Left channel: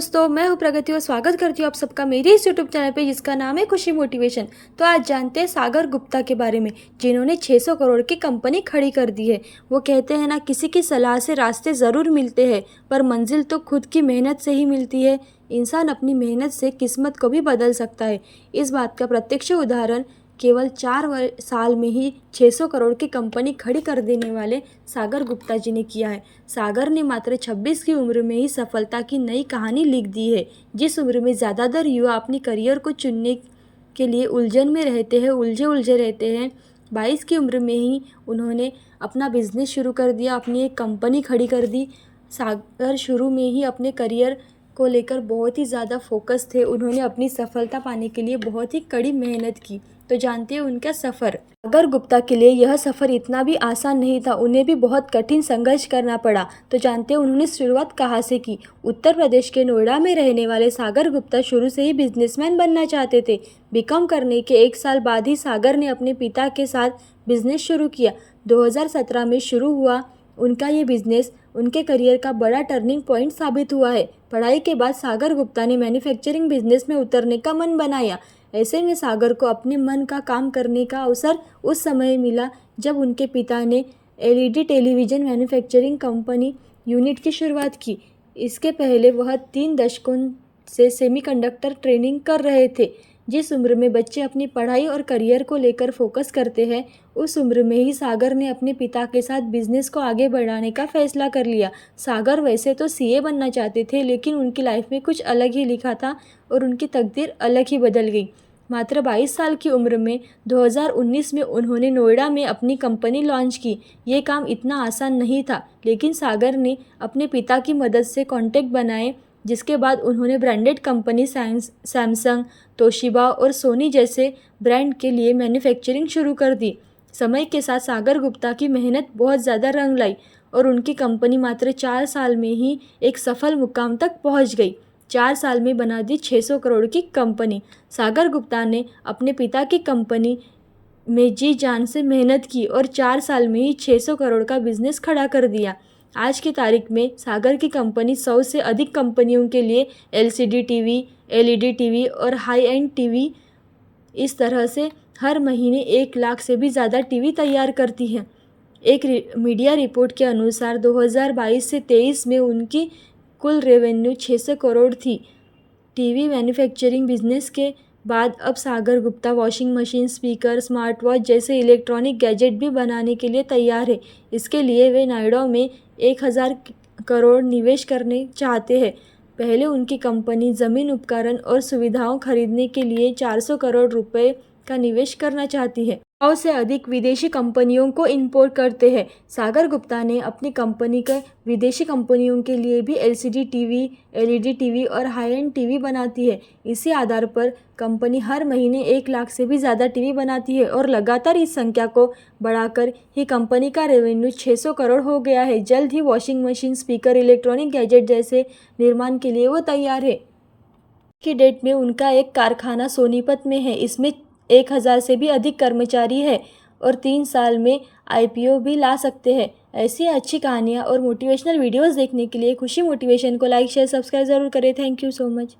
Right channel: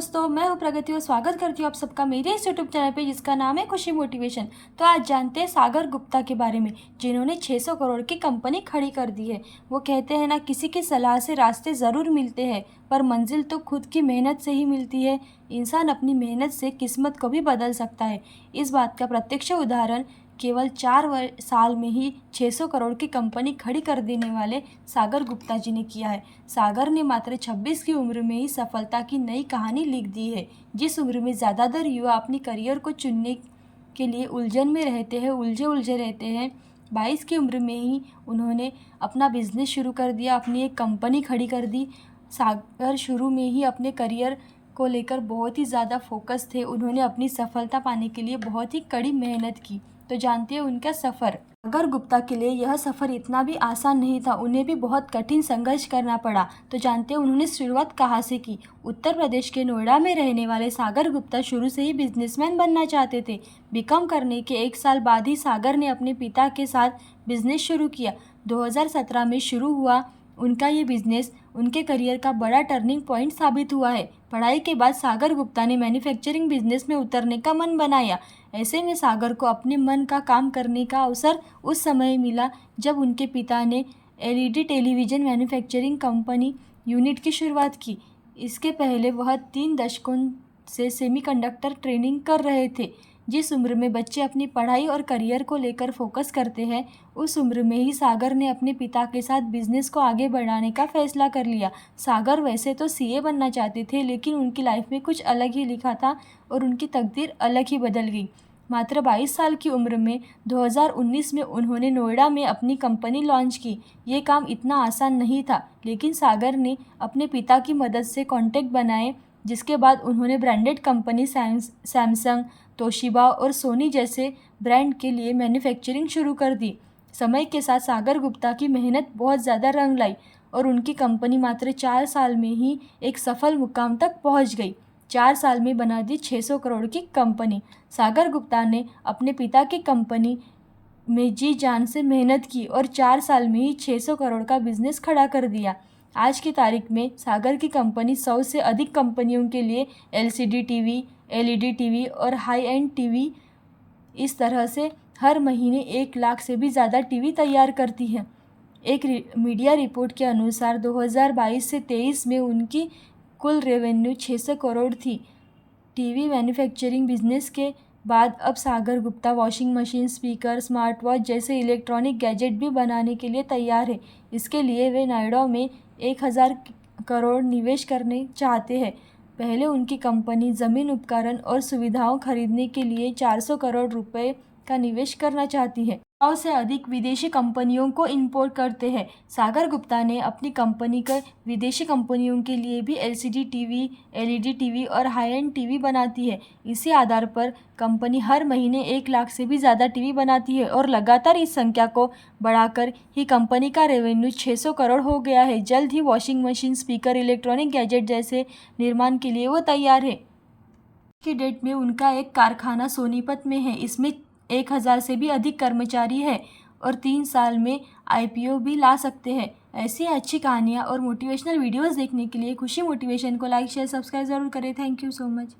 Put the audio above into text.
दोस्तों, मैं हूं प्रगति और स्वागत करती हूं आप सबका मेरी इस यूट्यूब चैनल पे जिसका नाम है खुशी मोटिवेशन। तो आज जानते हैं सागर गुप्ता के बारे में, जिन्होंने 600 करोड़ की कंपनी खड़ी कर दी है। वो कहते हैं ना, किसी की सलाह से रास्ते ज़रूर मिलते हैं पर मंजिल तो खुद की मेहनत से ही मिलती है। इंसान अपनी मेहनत से किस्मत को भी बदल सकता है। इस बात का प्रत्यक्ष उदाहरण केवल 4 साल में ही 600 करोड़ की कंपनी खड़ी कर देने वाले सागर गुप्ता जी ने किया है। सागर ने मात्र 26 की उम्र में ही सफलता की नई कहानी लिख दी है। जिस उम्र में ज़्यादातर युवा अपनी करियर को चुनने के लिए उलझन में रहते हैं, उलझे रहते हैं, 22 की उम्र में ही उन्होंने अपना बिजनेस शुरू कर दिया, अपनी एक कंपनी खड़ी कर दी। सागर शुरू में ही अपने करियर को लेकर बहुत ही ज़्यादा फोकस थे। उन्होंने अपनी सफलता पाने के लिए बहुत ही कड़ी मेहनत की। तो जानते हैं उनका सफ़र। सागर गुप्ता के लिए यह सफ़र इतना भी आसान नहीं था, उन्हें भी बहुत कठिन संघर्ष करना पड़ा। तो जानते हैं उन्होंने शुरुआत कहाँ से की। उत्तर प्रदेश के नोएडा में रहने वाले सागर गुप्ता शुरू से ही बिजनेसमैन बनना चाहते थे। बीकॉम करने के 1 साल बाद ही सागर ने अपने पिता के साथ बिजनेस शुरू किया। 2017 में शुरू हुआ उनका ये बिजनेस उनके करियर का बड़ा टर्निंग पॉइंट साबित हुआ है। पढ़ाई के बाद सागर गुप्ता ने मैन्युफैक्चरिंग बिजनेस में उतरने का मन बनाया। ऐसे में सागर को अपने मन का काम करने का अवसर उस समय मिला जब उनके पिता ने LED television manufacturing company unit की शुरुआत की। इसके पहले वह 3 दशकों से सेमीकंडक्टर ट्रेनिंग कर रहे थे। जिस उम्र में बच्चे अपनी पढ़ाई और करियर को लेकर फोकस करते हैं, उस उम्र में ही सागर ने अपने पिता के साथ बिजनेस को आगे बढ़ाने का फैसला कर लिया। सागर वैसे तो सीए बनना चाहते थे, लेकिन उनकी लाइफ में कुछ अलग ही लिखा था और उनकी तकदीर अलग ही बदल गई। मात्र 22 साल की उम्र में 2019 में उन्होंने नोएडा में अपनी कंपनी लॉन्च की। ये काम इतना आसान नहीं था, लेकिन सागर ने अपने पिता की मदद से कॉन्टैक्ट बनाए, जिसके बाद उन्होंने ब्रांडेड कंपनी सैमसंग, तोशिबा और सोनी जैसे ब्रांड के लिए मैन्युफैक्चरिंग शुरू कर दी। समय के साथ सागर गुप्ता की मेहनत बहुत ज़्यादा रंग लाई और उनकी कंपनी मात्र 4 साल में ही एक सफल मुकाम तक पहुंच गई। 4 साल में बना दी 600 करोड़ की कंपनी। सागर गुप्ता ने अपने पिता की कंपनी में जी जान से मेहनत की और 4 साल में ही 600 करोड़ का बिजनेस खड़ा कर दिया। आज की तारीख में सागर की कंपनी 100 से अधिक कंपनियों के लिए एलसीडी टीवी, एलईडी टीवी और हाई एंड टीवी, इस तरह से हर महीने 1 लाख से भी ज़्यादा टीवी तैयार करती है। एक मीडिया रिपोर्ट के अनुसार 2022 से 23 में उनकी कुल रेवेन्यू 600 करोड़ थी। टीवी मैन्युफैक्चरिंग बिजनेस के बाद अब Sagar Gupta washing machine, speaker, smart watch जैसे इलेक्ट्रॉनिक गैजेट भी बनाने के लिए तैयार है। इसके लिए वे नोएडा में 1000 करोड़ निवेश करने चाहते हैं। पहले उनकी कंपनी ज़मीन, उपकरण और सुविधाओं खरीदने के लिए 400 करोड़ रुपए का निवेश करना चाहती है। 100 से अधिक विदेशी कंपनियों को इंपोर्ट करते हैं। सागर गुप्ता ने अपनी कंपनी के विदेशी कंपनियों के लिए भी एलसीडी टीवी, एलईडी टीवी और हाई एंड टीवी बनाती है। इसी आधार पर कंपनी हर महीने 1 लाख से भी ज़्यादा टीवी बनाती है और लगातार इस संख्या को बढ़ाकर ही कंपनी का रेवेन्यू 600 करोड़ हो गया है। जल्द ही washing machine, speaker, electronic gadget जैसे निर्माण के लिए वो तैयार है। की डेट में उनका एक कारखाना सोनीपत में है। इसमें 1000 से भी अधिक कर्मचारी है और 3 साल में आईपीओ भी ला सकते हैं। ऐसी अच्छी कहानियाँ और मोटिवेशनल वीडियोस देखने के लिए खुशी मोटिवेशन को लाइक, शेयर, सब्सक्राइब ज़रूर करें। Thank you so much.